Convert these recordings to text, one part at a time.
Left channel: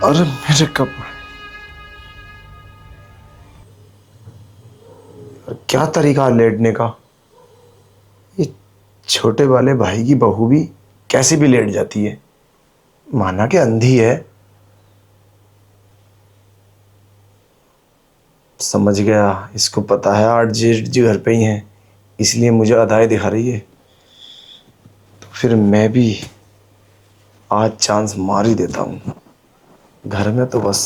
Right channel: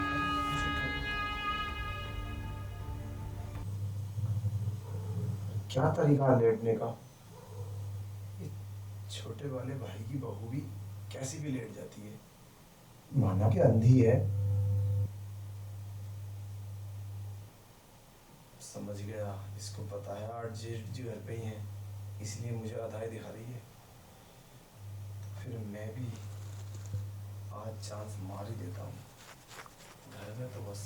अरे मेरे कपड़े, क्या तरीका है लेटने का। ये छोटे वाले भाई की बहू भी कैसे भी लेट जाती है, माना कि अंधी है। समझ गया, इसको पता है आज जेठ जी घर पे ही हैं, इसलिए मुझे अदाएं दिखा रही है। तो फिर मैं भी आज चांस मार ही देता हूँ। घर में तो बस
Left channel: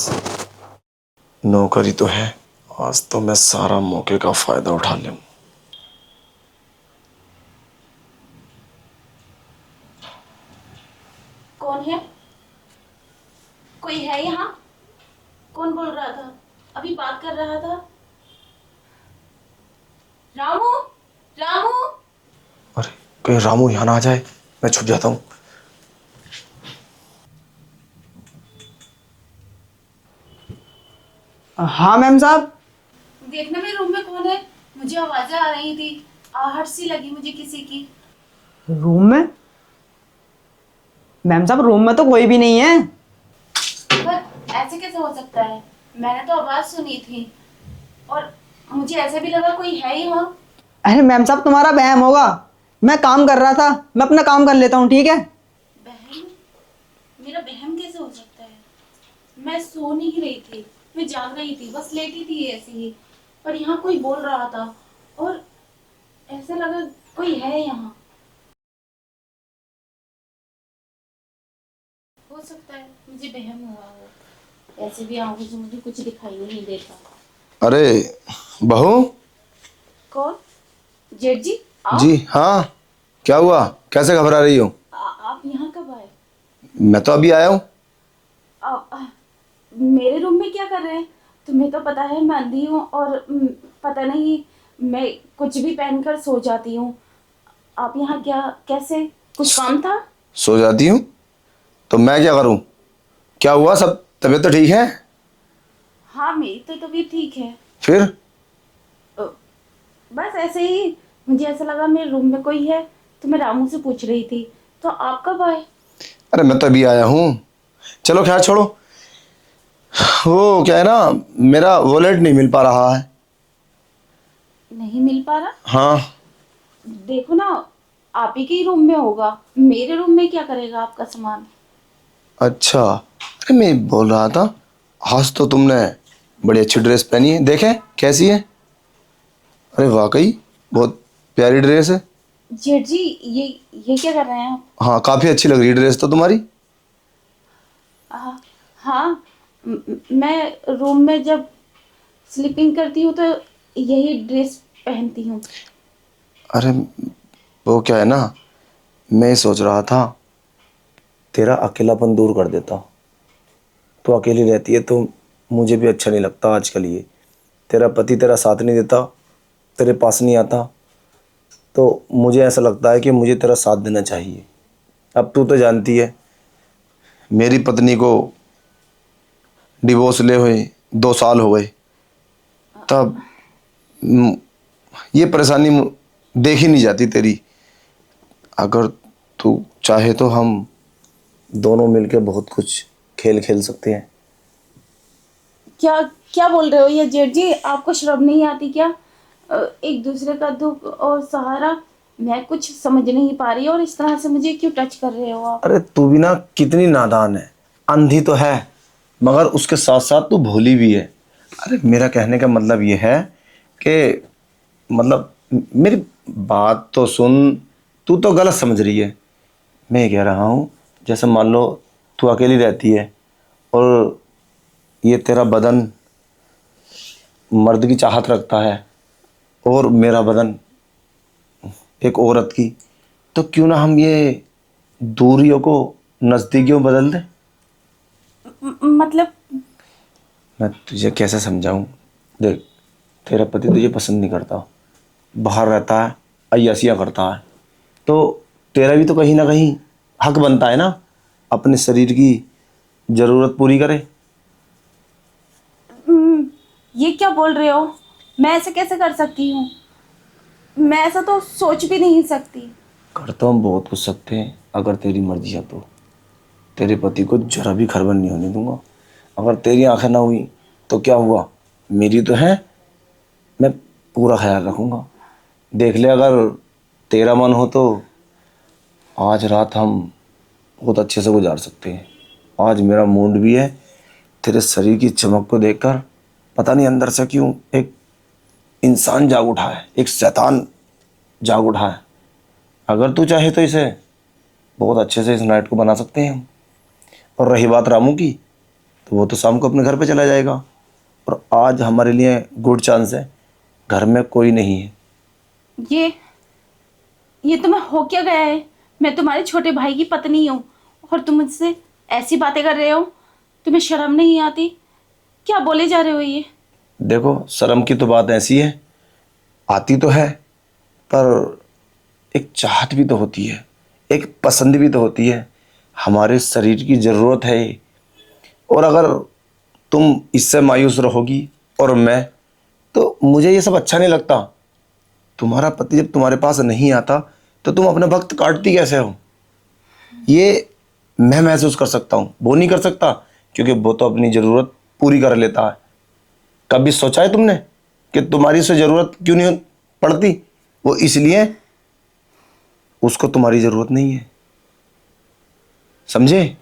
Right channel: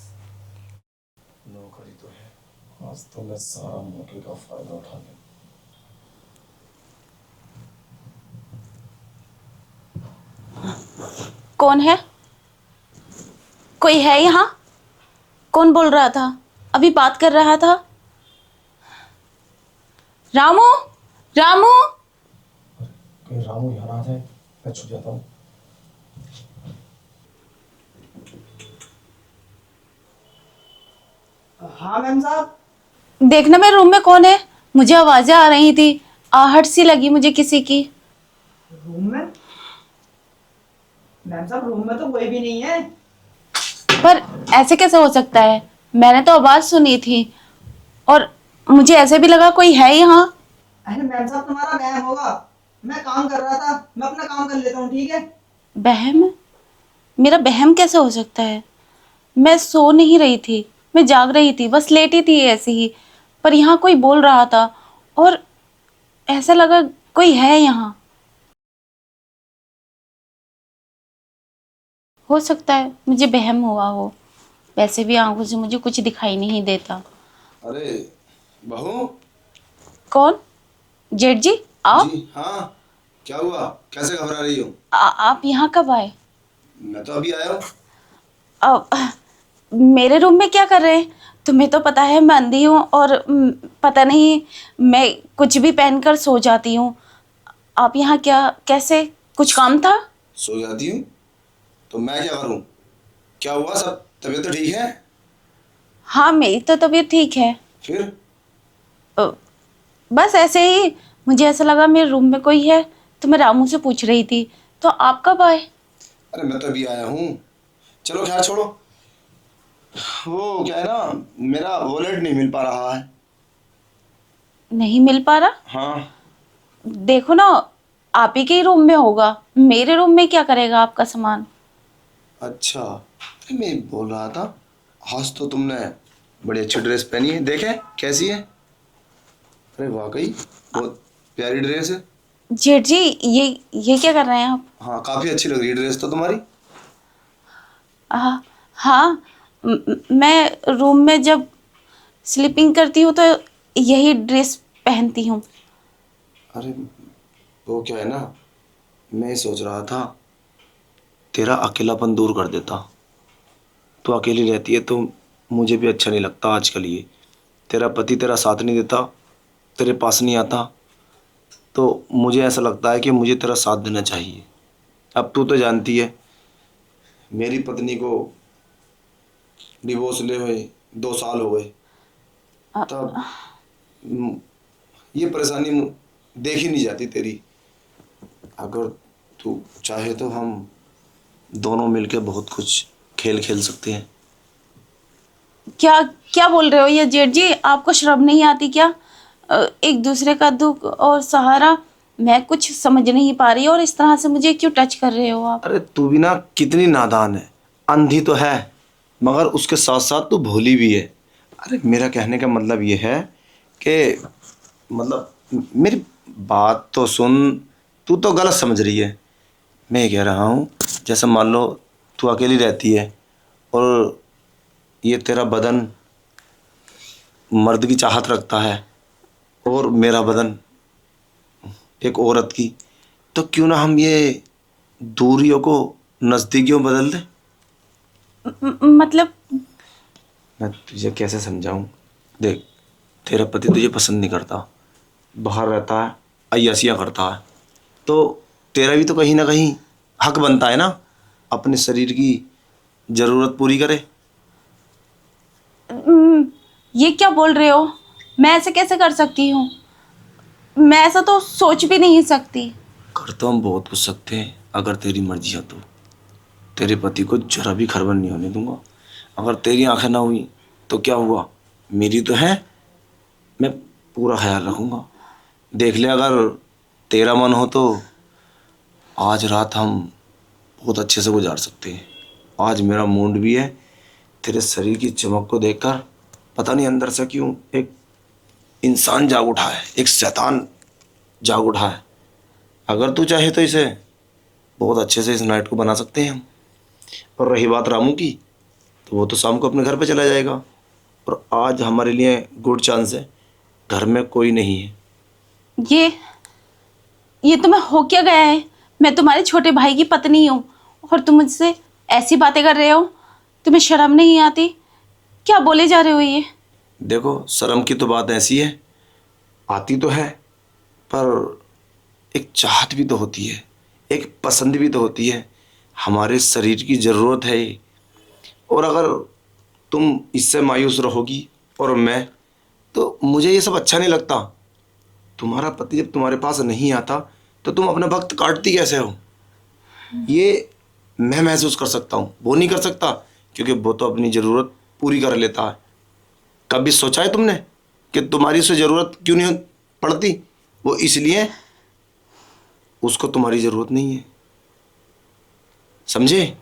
नौकरी तो है, आज तो मैं सारा मौके का फायदा उठा लूँ। कौन है? कोई है यहाँ? कौन बोल रहा था? अभी बात कर रहा था। रामू, रामू। अरे कहीं रामू यहाँ ना आ जाए, मैं छुप जाता हूँ। हाँ मैम साहब। देखना मेरे रूम में कौन है। मुझे आवाजें आ रही थी, आहट सी लगी मुझे किसी की। रूम में? मैम साहब रूम में तो कोई भी नहीं है। पर ऐसे कैसे हो सकता है? मैंने तो आवाज सुनी थी और मुझे ऐसे भी लगा कोई है यहाँ। अरे मैम साहब तुम्हारा वहम होगा, मैं काम कर रहा था, मैं अपना काम कर लेता हूँ, ठीक है। बहम? मेरा बहम कैसे हो सकता है? मैं सो नहीं रही थी, मैं जाग रही थी, बस लेटी थी ऐसे ही। पर यहाँ कोई बोल रहा था और ऐसा लगा कोई है यहाँ। हो सकता है मुझे बहम हुआ हो, वैसे भी आंखों से मुझे कुछ दिखाई नहीं देता। अरे बहू कौन? जेठ जी आप? जी, हाँ क्या हुआ, कैसे घबरा रही हो? आप यहाँ कब आए? मैं तो अभी आया हूँ। मेरे रूम में क्या कर रहे हैं? तुम्हें तो पता है मैं अंधी हूँ और पता नहीं, मैं कुछ भी पहनकर सो जाती हूँ। आप यहाँ क्या, कैसे? कुछ काम था? सो जाती हूँ तो मैं क्या करूँ? क्या हुआ, सब तबीयत तो ठीक है? हाँ मेरी तो तबीयत ठीक है। फिर? अ, बस ऐसे ही मुझे ऐसा लगा मेरे रूम में कोई है, तो मैं रामू से पूछ रही थी। तो आप कब आए? अरे मैं तो अभी आया हूँ। चलो खैर छोड़ो, वो क्या है ना, मेरा वॉलेट नहीं मिल पा रहा है। नहीं मिल पा रहा? हाँ। देखो ना, आप ही के ही रूम में होगा, मेरे रूम में क्या करेगा आपका सामान? अच्छा, अरे मैं बोल रहा था, आज तो तुमने बड़ी अच्छी ड्रेस पहनी है, देखे कैसी है? अरे वाकई बहुत प्यारी ड्रेस है। जेठ जी, ये क्या कर रहे हैं आप? हाँ काफ़ी अच्छी लग रही है ड्रेस तो तुम्हारी। हाँ, मैं रूम में जब स्लीपिंग करती हूँ तो यही ड्रेस पहनती हूँ। अरे वो क्या है ना, मैं सोच रहा था तेरा अकेलापन दूर कर देता। तो अकेली रहती है तो मुझे भी अच्छा नहीं लगता आजकल। ये तेरा पति तेरा साथ नहीं देता, तेरे पास नहीं आता, तो मुझे ऐसा लगता है कि मुझे तेरा साथ देना चाहिए। अब तू तो जानती है, मेरी पत्नी को डिवोर्स ले हुए 2 साल हो गए। तब म, ये परेशानी देखी नहीं जाती तेरी। अगर तू चाहे तो हम दोनों मिलके बहुत कुछ खेल खेल सकते हैं। क्या क्या बोल रहे हो ये जेठ जी? आपको शर्म नहीं आती क्या? एक दूसरे का दुख और सहारा, मैं कुछ समझ नहीं पा रही और इस तरह से मुझे क्यों टच कर रहे हो आप? अरे तू भी ना कितनी नादान है, अंधी तो है मगर उसके साथ साथ तू भोली भी है। अरे मेरा कहने का मतलब ये है कि मतलब मेरी बात तो सुन, तू तो गलत समझ रही है। मैं ये कह रहा हूँ, जैसे मान लो तू अकेली रहती है और ये तेरा बदन मर्द की चाहत रखता है और मेरा बदन एक औरत की, तो क्यों ना हम ये दूरियों को नज़दीकियों में बदल दें। मतलब? मैं तुझे कैसे समझाऊं, देख तेरा पति तुझे पसंद नहीं करता, बाहर रहता है, अय्यासियाँ करता है, तो तेरा भी तो कहीं ना कहीं हक बनता है ना अपने शरीर की ज़रूरत पूरी करे। ये क्या बोल रहे हो? मैं ऐसे कैसे कर सकती हूँ? मैं ऐसा तो सोच भी नहीं सकती। कर तो हम बहुत कुछ सकते हैं अगर तेरी मर्जी है तो। तेरे पति को जरा भी खरबन नहीं होने दूंगा। अगर तेरी आंखें ना हुई तो क्या हुआ, मेरी तो है, मैं पूरा ख्याल रखूँगा। देख ले, अगर तेरा मन हो तो आज रात हम बहुत अच्छे से गुजार सकते हैं। आज मेरा मूड भी है, तेरे शरीर की चमक को देखकर पता नहीं अंदर से क्यों एक इंसान जाग उठा है, एक शैतान जाग उठा है। अगर तू चाहे तो इसे बहुत अच्छे से इस नाइट को बना सकते हैं हम। और रही बात रामू की, तो वो तो शाम को अपने घर पे चला जाएगा। और आज हमारे लिए गुड चांस है, घर में कोई नहीं है। ये ये तुम्हें हो क्या गया है? मैं तुम्हारे छोटे भाई की पत्नी हूँ और तुम मुझसे ऐसी बातें कर रहे हो? तुम्हें शर्म नहीं आती? क्या बोले जा रहे हो ये? देखो, शर्म की तो बात ऐसी है, आती तो है, पर एक चाहत भी तो होती है, एक पसंद भी तो होती है। हमारे शरीर की ज़रूरत है ये। और अगर तुम इससे मायूस रहोगी और मैं, तो मुझे ये सब अच्छा नहीं लगता। तुम्हारा पति जब तुम्हारे पास नहीं आता तो तुम अपने वक्त काटती कैसे हो, ये मैं महसूस कर सकता हूँ, वो नहीं कर सकता, क्योंकि वो तो अपनी ज़रूरत पूरी कर लेता है। कभी सोचा है तुमने कि तुम्हारी उसे ज़रूरत क्यों नहीं पड़ती? वो इसलिए, उसको तुम्हारी ज़रूरत नहीं है, समझे?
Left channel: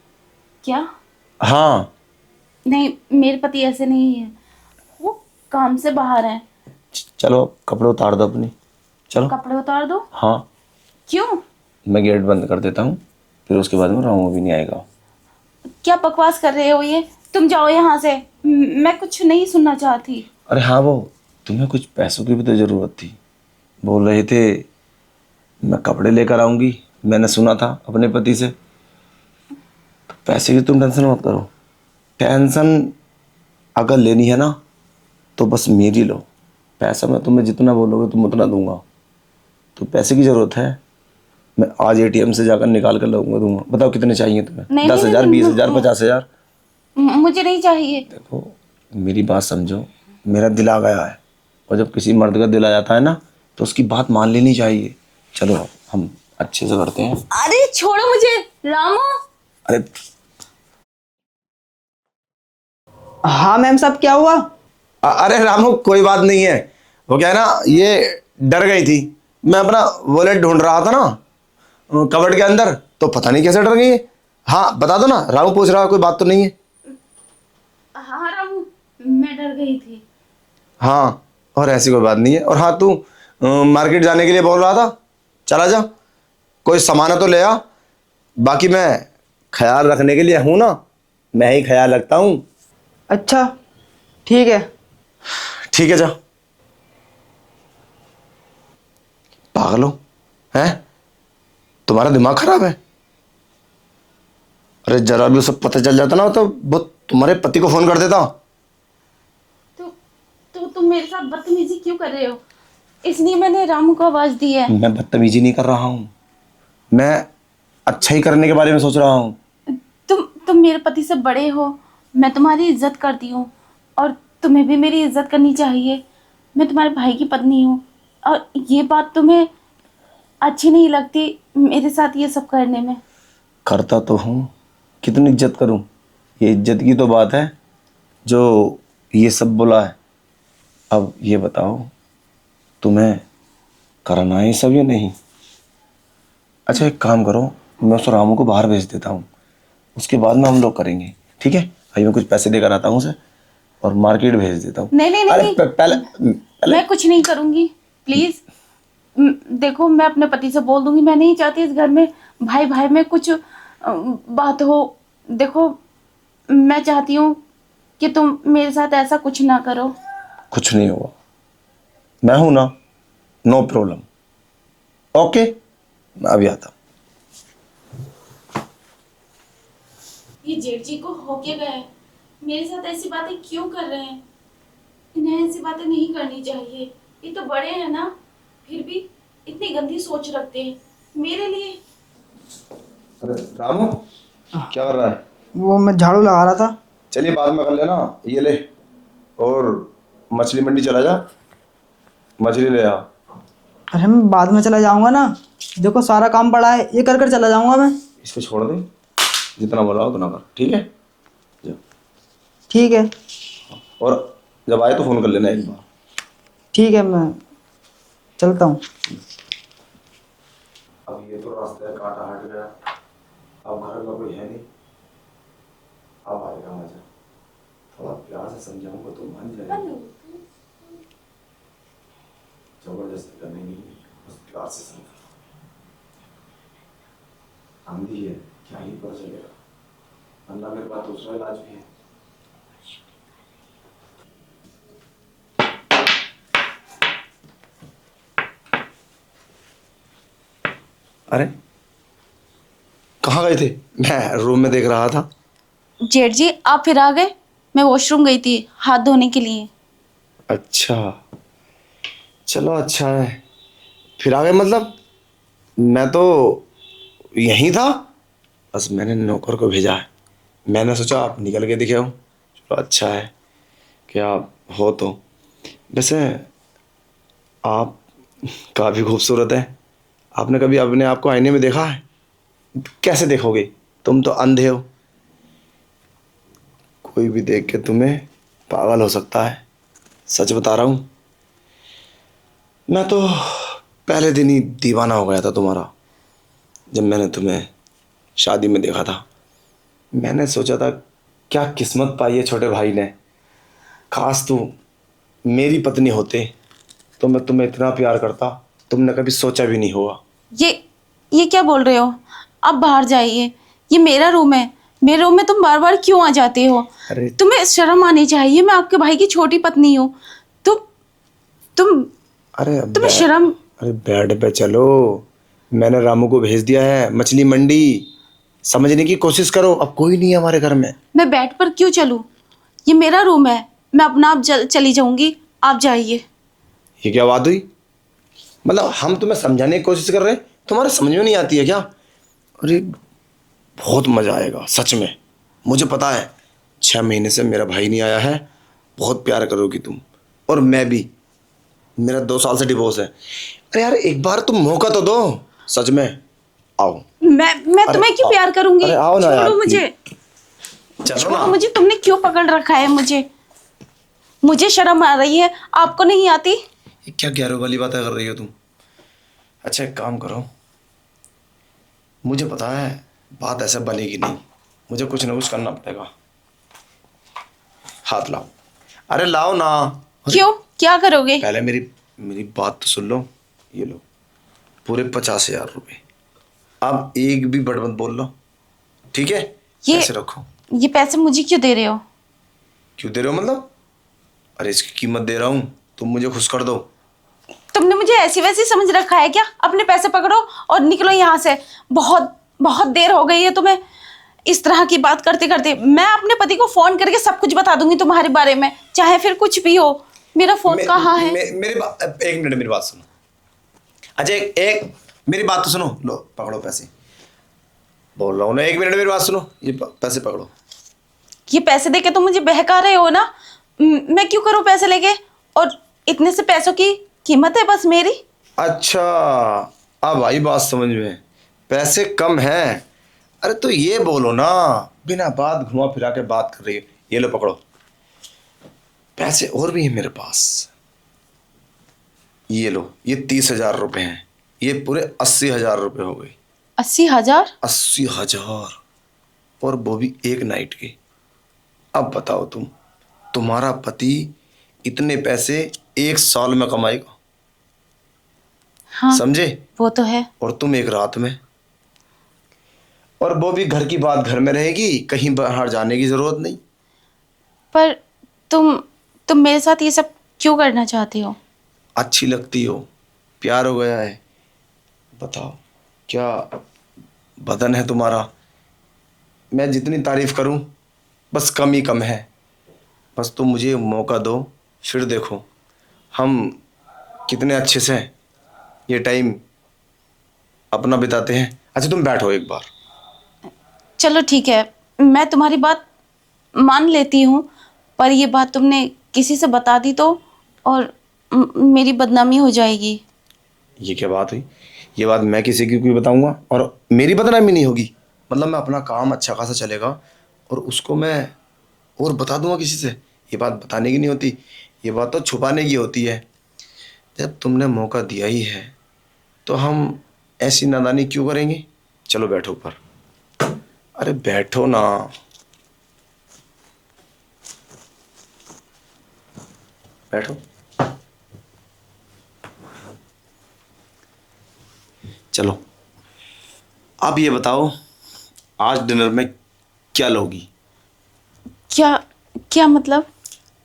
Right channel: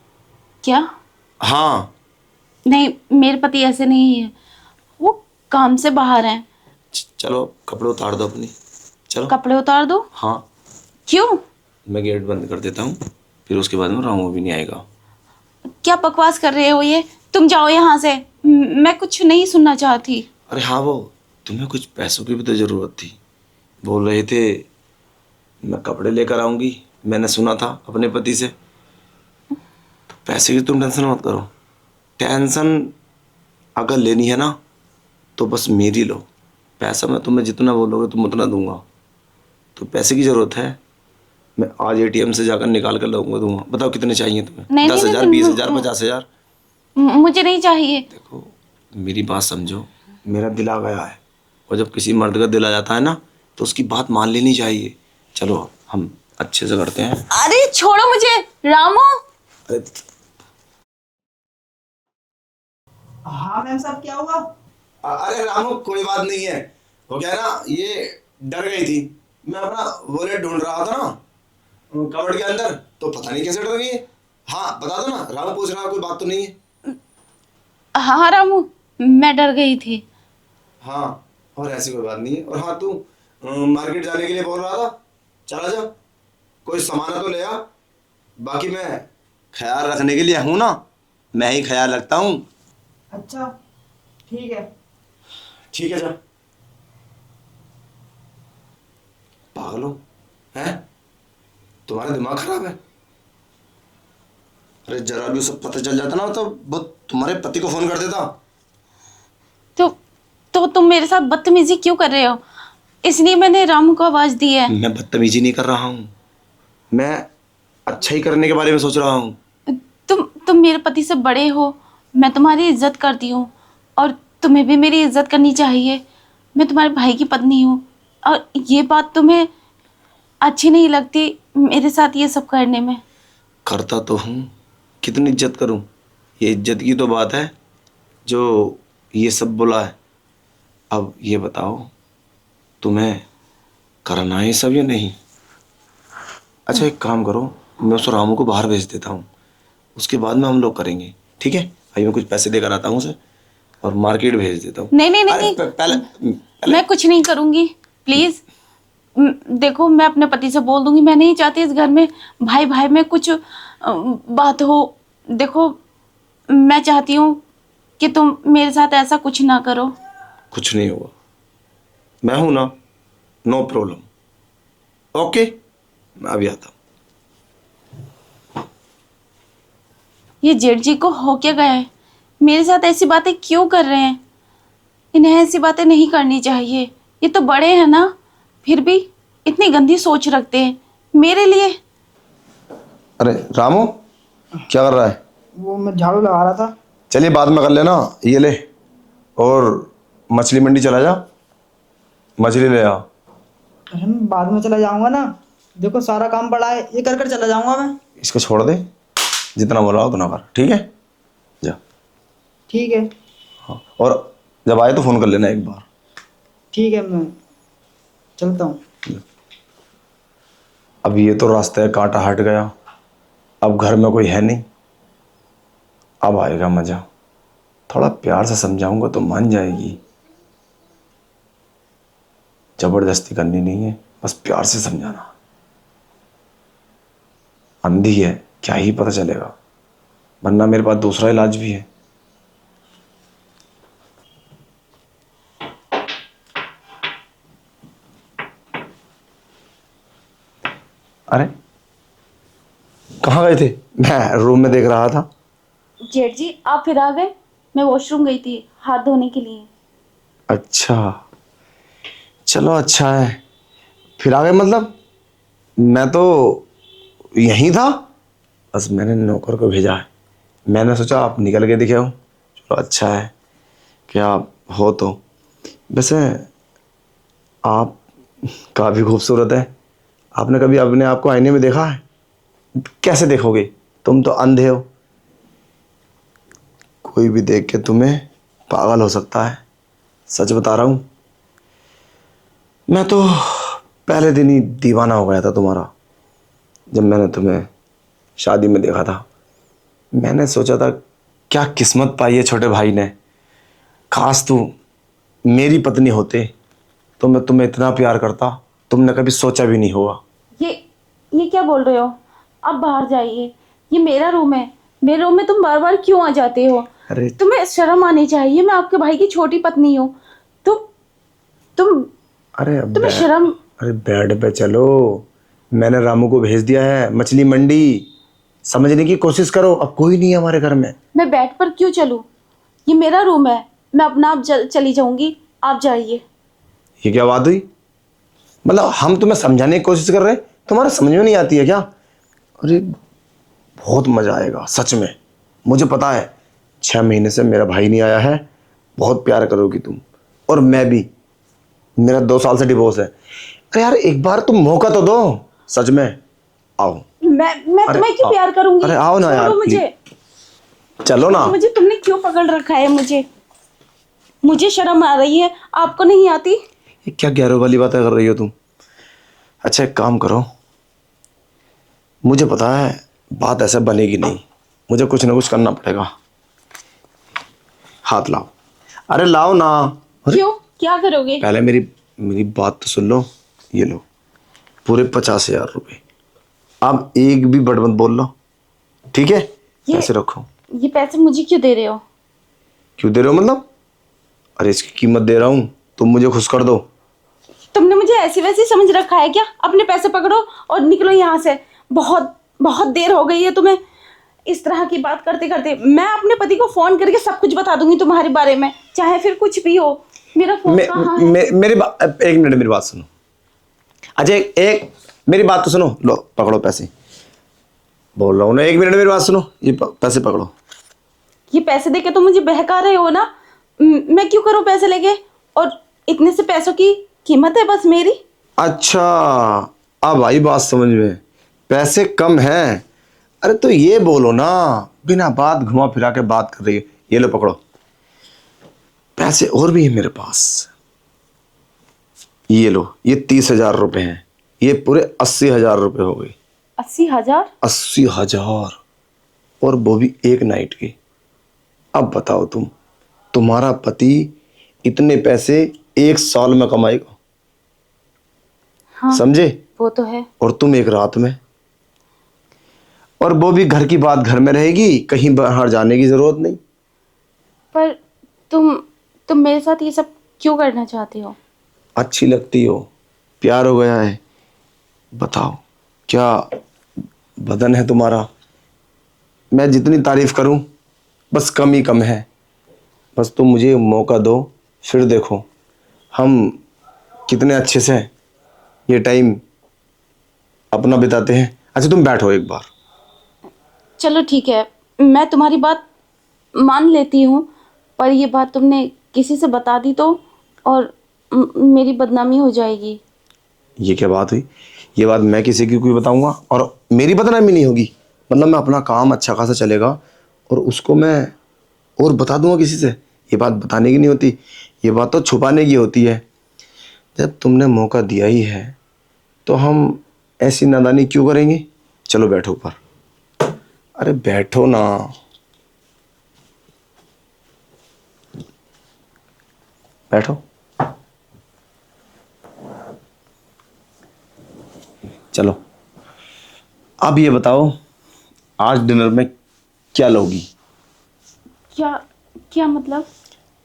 क्या? हाँ। नहीं, मेरे पति ऐसे नहीं है, वो काम से बाहर हैं। चलो कपड़े उतार दो अपनी, चलो। कपड़े उतार दो? हाँ, क्यों? मैं गेट बंद कर देता हूँ, फिर उसके बाद में रामू भी नहीं आएगा। क्या बकवास कर रहे हो ये? तुम जाओ यहाँ से, मैं कुछ नहीं सुनना चाहती। अरे हाँ, वो तुम्हें कुछ पैसों की भी तो ज़रूरत थी, बोल रहे थे मैं कपड़े लेकर आऊँगी, मैंने सुना था अपने पति से। तो पैसे की तुम टेंशन मत करो। टेंशन अगर लेनी है ना तो बस मेरी लो। पैसा मैं तुम्हें जितना बोलोगे तुम उतना दूंगा। तो पैसे की ज़रूरत है, मैं आज एटीएम से जाकर निकाल कर लाऊंगा, दूंगा। बताओ कितने चाहिए तुम्हें? नहीं, 10,000, नहीं, 20,000, 50,000? मुझे नहीं चाहिए। देखो, मेरी बात समझो, मेरा दिल आ गया है, और जब किसी मर्द का दिल आ जाता है ना तो उसकी बात मान लेनी चाहिए। चलो अब हम अच्छे से करते हैं। अरे छोड़ो मुझे रामू। अरे हाँ मैम साहब, क्या हुआ? अरे रामू, कोई बात नहीं है। वो क्या है ना, ये डर गई थी। मैं अपना वॉलेट ढूंढ रहा था ना कबर्ड के अंदर, तो पता नहीं कैसे डर गई है। हाँ बता दो ना, रामू पूछ रहा, कोई बात तो नहीं है? हाँ रामू, मैं डर गई थी। हाँ, और ऐसी कोई बात नहीं है। और हाँ, तू मार्केट जाने के लिए बोल रहा था, चला जा, कोई सामान तो ले आ। बाकी मैं ख्याल रखने के लिए हूँ ना, मैं ही ख्याल रखता हूँ। अच्छा ठीक है। ठीक है, जा। पागल हो हैं? तुम्हारा दिमाग खराब है? अरे जरा भी सब पता चल जाता ना तो वो तुम्हारे पति को फोन कर देता। तो तुम मेरे साथ बदतमीजी क्यों कर रहे हो? इसलिए मैंने रामू को आवाज दी है। मैं बदतमीजी नहीं कर रहा हूँ, मैं अच्छा ही करने के बारे में सोच रहा हूँ। तुम मेरे पति से बड़े हो, मैं तुम्हारी इज्जत करती हूँ और तुम्हें भी मेरी इज्जत करनी चाहिए। मैं तुम्हारे भाई की पत्नी हूँ और ये बात तुम्हें अच्छी नहीं लगती मेरे साथ ये सब करने में? करता तो हूँ, कितनी इज्जत करूँ? ये इज्जत की तो बात है जो ये सब बोला है। अब ये बताओ, तुम्हें करना है सब या नहीं? अच्छा एक काम करो, मैं उस रामू को बाहर भेज देता हूँ, उसके बाद में हम लोग करेंगे, ठीक है? भाई मैं कुछ पैसे देकर आता हूँ उसे और मार्केट भेज देता हूँ। नहीं नहीं नहीं, अरे नहीं। पहले मैं कुछ नहीं करूँगी, प्लीज। देखो, मैं अपने पति से बोल दूंगी। मैं नहीं चाहती इस घर में भाई भाई में कुछ बात हो। देखो, मैं चाहती हूँ कि तुम मेरे साथ ऐसा कुछ ना करो। कुछ नहीं हुआ, मैं हूं ना, नो प्रॉब्लम। ओके, मैं अभी आता हूं। ये जेठ जी को हो क्या गया है? मेरे साथ ऐसी बातें क्यों कर रहे हैं? इन्हें ऐसी बातें नहीं करनी चाहिए। ये तो बड़े हैं ना, फिर भी इतनी गंदी सोच रखते हैं मेरे लिए। अरे रामू, क्या कर रहा है? वो मैं झाड़ू लगा रहा था। चलिए बाद में कर लेना, ये ले, और मछली मंडी चला जा, मछली ले आ। अरे मैं बाद में चला जाऊंगा ना, देखो सारा काम पड़ा है, ये कर कर चला जाऊंगा मैं। इसको छोड़ दे, जितना बोला उतना कर, ठीक है? जा। ठीक है। हाँ, और जब आए तो फोन कर लेना एक बार। ठीक है, मैं चलता हूँ। अब ये तो रास्ते का कांटा हट गया, अब घर में कोई है नहीं, अब आएगा मजा। थोड़ा प्यार से समझाऊंगा तो मान जाएगी। जबरदस्ती करनी नहीं है, बस प्यार से समझाना। अंधी है, क्या ही पता चलेगा, वरना मेरे पास दूसरा इलाज भी है। अरे कहाँ गए थे? मैं रूम में देख रहा था। जेठ जी आप फिर आ गए? मैं वॉशरूम गई थी हाथ धोने के लिए। अच्छा, चलो अच्छा है। फिर आ गए मतलब? मैं तो यहीं था, बस मैंने नौकर को भेजा है। मैंने सोचा आप निकल के दिखे हो, चलो अच्छा है कि आप हो। तो वैसे आप काफ़ी खूबसूरत है। आपने कभी अपने आप को आईने में देखा है? कैसे देखोगे, तुम तो अंधे हो। कोई भी देख के तुम्हें पागल हो सकता है, सच बता रहा हूँ। मैं तो पहले दिन ही दीवाना हो गया था तुम्हारा, जब मैंने तुम्हें शादी में देखा था। मैंने सोचा था क्या किस्मत पाई है छोटे भाई ने, काश तू मेरी पत्नी होते तो मैं तुम्हें इतना प्यार करता, तुमने कभी सोचा भी नहीं होगा। ये ये क्या बोल रहे हो? आप बाहर जाइए, ये मेरा रूम है। मेरे रूम में तुम बार बार क्यों आ जाते हो? अरे तुम्हें शर्म आनी चाहिए, मैं आपके भाई की छोटी पत्नी हूँ। तुम तुम अरे तुम्हें शर्म। अरे बेड पे चलो, मैंने रामू को भेज दिया है मछली मंडी। समझने की कोशिश करो, अब कोई नहीं है हमारे घर में। मैं बेड पर क्यों चलूं? ये मेरा रूम है, मैं अपना आप चली जाऊंगी, आप जाइए। ये क्या बात हुई? मतलब हम तुम्हें समझाने की कोशिश कर रहे हैं, तुम्हारे समझ में नहीं आती है क्या? अरे बहुत मजा आएगा सच में, मुझे पता है। 6 महीने से मेरा भाई नहीं आया है, बहुत प्यार करोगी तुम, और मैं भी। मेरा 2 साल से डिवोर्स है। अरे यार एक बार तुम मौका तो दो, सच में आओ। मैं अरे तुम्हें क्यों आओ। प्यार करूंगी? अरे आओ ना छोड़ो यार, मुझे। चलो ना। छोड़ो मुझे, तुमने क्यों पकड़ रखा है मुझे? मुझे शर्म आ रही है, आपको नहीं आती? ये क्या गैरों वाली बातें कर रही हो तुम? अच्छा एक काम करो, मुझे पता है बात ऐसे बनेगी नहीं, मुझे कुछ ना कुछ करना पड़ेगा। हाथ लाओ। अरे लाओ ना। अरे क्यों, क्या करोगे? पहले मेरी मेरी बात तो सुन लो। ये लो पूरे 50,000 रुपये। अब एक भी बड़ मत बोल लो, ठीक है? ये पैसे रखो। ये पैसे मुझे क्यों दे रहे हो? क्यों दे रहे हो मतलब? अरे इसकी कीमत दे रहा हूँ, तुम मुझे खुश कर दो। तुमने मुझे ऐसी वैसी समझ रखा है क्या? अपने पैसे पकड़ो और निकलो यहाँ से। बहुत बहुत देर हो गई है तुम्हें इस तरह की बात करते करते। मैं अपने पति को फोन करके सब कुछ बता दूंगी तुम्हारे बारे में, चाहे फिर कुछ भी हो। मेरा फोन कहाँ है? एक मिनट मेरी बात सुनो। अच्छा एक मेरी बात तो सुनो, लो पकड़ो पैसे। बोल रहा हूँ ना, 1 मिनट मेरी बात सुनो, ये पैसे पकड़ो। ये पैसे देके तुम मुझे बहका रहे हो ना? मैं क्यों करूं पैसे लेके? और इतने से पैसों की कीमत है बस मेरी। अच्छा अब आई बात समझ में, पैसे कम हैं। अरे तो ये बोलो ना, बिना बात घुमा फिरा के बात कर रही है। ये लो पकड़ो, पैसे और भी है मेरे पास। ये लो, ये 30,000 रुपये हैं, ये पूरे 80,000 रुपये हो गए। 80,000? 80,000, और वो भी एक नाइट के। अब बताओ तुम्हारा पति इतने पैसे 1 साल में कमाएगा, हाँ, समझे? वो तो है। और तुम एक रात में, और वो भी घर की बात घर में रहेगी, कहीं बाहर जाने की जरूरत नहीं। पर तुम मेरे साथ ये सब क्यों करना चाहते हो? अच्छी लगती हो, प्यार हो गया है। बताओ क्या बदन है तुम्हारा, मैं जितनी तारीफ करूं बस कम ही कम है। बस तुम मुझे मौका दो, फिर देखो हम कितने अच्छे से ये टाइम अपना बिताते हैं। अच्छा तुम बैठो एक बार। चलो ठीक है, मैं तुम्हारी बात मान लेती हूँ, पर ये बात तुमने किसी से बता दी तो, और मेरी बदनामी हो जाएगी। ये क्या बात हुई? ये बात मैं किसी की कोई बताऊंगा और मेरी बदनामी नहीं होगी? मतलब मैं अपना काम अच्छा खासा चलेगा और उसको मैं और बता दूंगा किसी से। ये बात बताने की नहीं होती, ये बात तो छुपाने की होती है। जब तुमने मौका दिया ही है तो हम ऐसी नादानी क्यों करेंगे। चलो बैठो ऊपर। अरे बैठो ना। बैठो। चलो अब ये बताओ, आज डिनर में क्या लोगी। क्या? क्या मतलब?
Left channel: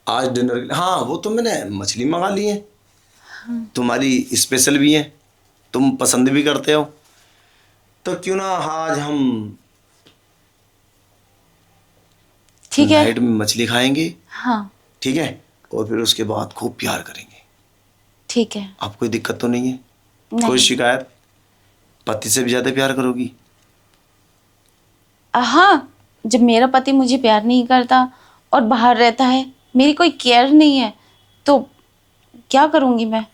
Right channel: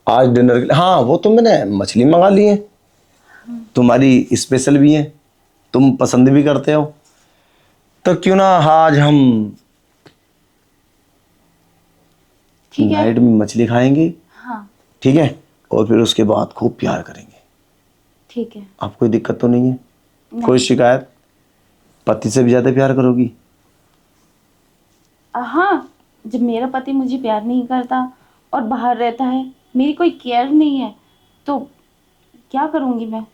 आज डिनर के लिए, हाँ वो तो मैंने मछली मंगा ली है, तुम्हारी स्पेशल भी है, तुम पसंद भी करते हो, तो क्यों ना आज हम ठीक है। नाइट में मछली खाएंगे। हाँ ठीक है, और फिर उसके बाद खूब प्यार करेंगे। ठीक है। आप कोई दिक्कत तो नहीं है? नहीं। कोई शिकायत? पति से भी ज्यादा प्यार करोगी? हाँ, जब मेरा पति मुझे प्यार नहीं करता और बाहर रहता है, मेरी कोई केयर नहीं है, तो क्या करूँगी मैं?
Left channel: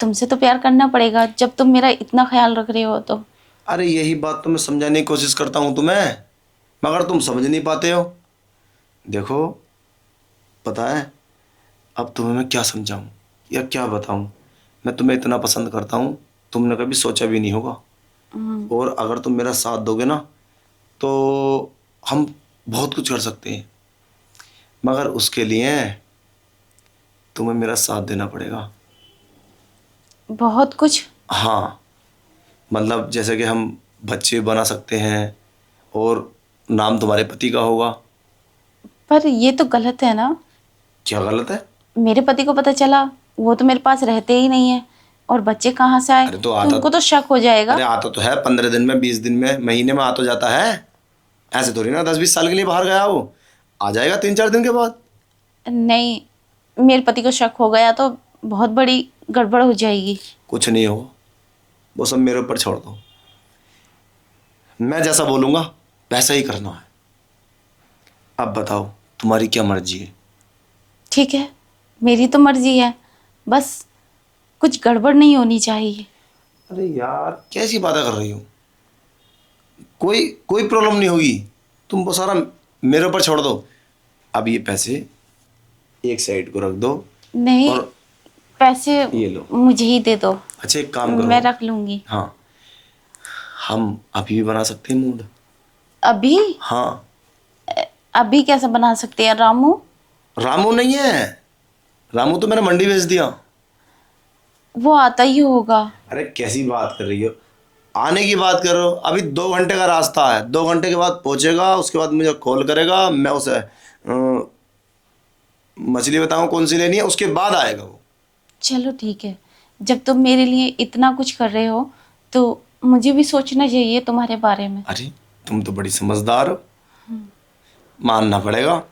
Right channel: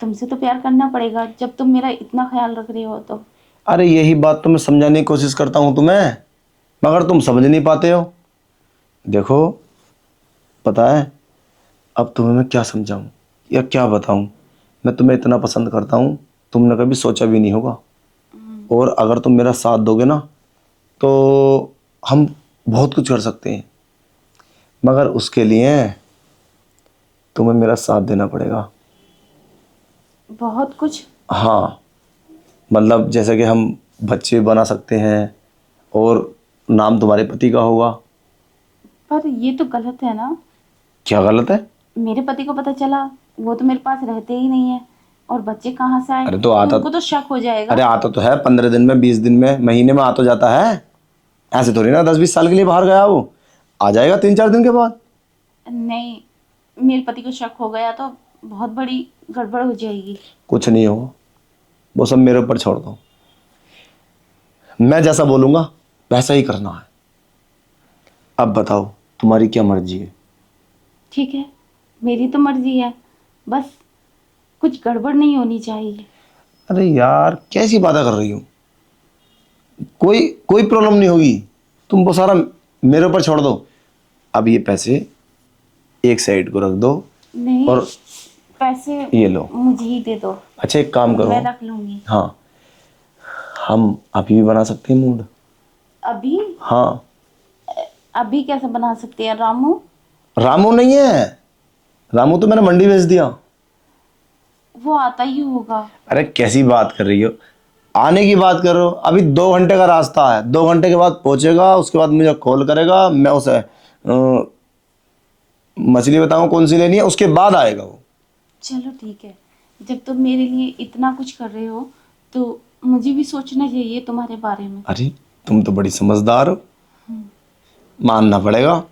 तुमसे तो प्यार करना पड़ेगा जब तुम मेरा इतना ख्याल रख रहे हो तो। अरे यही बात तो मैं समझाने की कोशिश करता हूँ तुम्हें, मगर तुम समझ नहीं पाते हो। देखो, पता है अब तुम्हें मैं क्या समझाऊं या क्या बताऊं। मैं तुम्हें इतना पसंद करता हूं, तुमने कभी सोचा भी नहीं होगा। और अगर तुम मेरा साथ दोगे ना तो हम बहुत कुछ कर सकते हैं, मगर उसके लिए तुम्हें मेरा साथ देना पड़ेगा। बहुत कुछ? हाँ, मतलब जैसे कि हम बच्चे बना सकते हैं और नाम तुम्हारे पति का होगा। पर ये तो गलत है ना। क्या गलत है? मेरे पति को पता चला, वो तो मेरे पास रहते ही नहीं है, और बच्चे कहाँ से आए, अरे तो उनको तो शक हो जाएगा। अरे आता तो है 15 दिन में, 20 दिन में, महीने में आ तो जाता है। ऐसे थोड़ी ना 10-20 साल के लिए बाहर गया वो आ जाएगा 3-4 दिन के बाद। नहीं, मेरे पति को शक हो गया तो बहुत बड़ी गड़बड़ हो जाएगी। कुछ नहीं होगा, वो सब मेरे ऊपर छोड़ दो। मैं जैसा बोलूंगा वैसा ही करना है। अब बताओ तुम्हारी क्या मर्जी है। ठीक है, मेरी तो मर्जी है, बस कुछ गड़बड़ नहीं होनी चाहिए। अरे यार कैसी बातें कर रही हो, कोई कोई प्रॉब्लम नहीं होगी, तुम वो सारा मेरे ऊपर छोड़ दो। अब ये पैसे एक साइड को रख दो नहीं, और पैसे ये लो। मुझे ही दे दो, अच्छा एक काम करो, मैं रख लूंगी। हाँ हम अभी भी बना सकते हैं मूड। अभी? हाँ। अभी कैसे बना सकते हैं रामू? रामू नहीं है, रामू तो मैंने मंडी भेज दिया। वो आता ही होगा। अरे कैसी बात कर रही हो, आने की बात करो। अभी 2 घंटे का रास्ता है, 2 घंटे के बाद पहुंचेगा, उसके बाद मुझे कॉल करेगा, मैं उसे मछली बताऊं कौन सी लेनी है, उसके बाद आएगा वो। चलो ठीक है, जब तुम मेरे लिए इतना कुछ कर रहे हो तो मुझे भी सोचना चाहिए तुम्हारे बारे में। अरे तुम तो बड़ी समझदार हो, मानना पड़ेगा,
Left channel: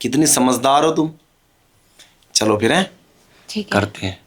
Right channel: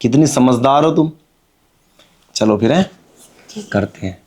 कितनी समझदार हो तुम। चलो फिर है ठीक है। करते हैं।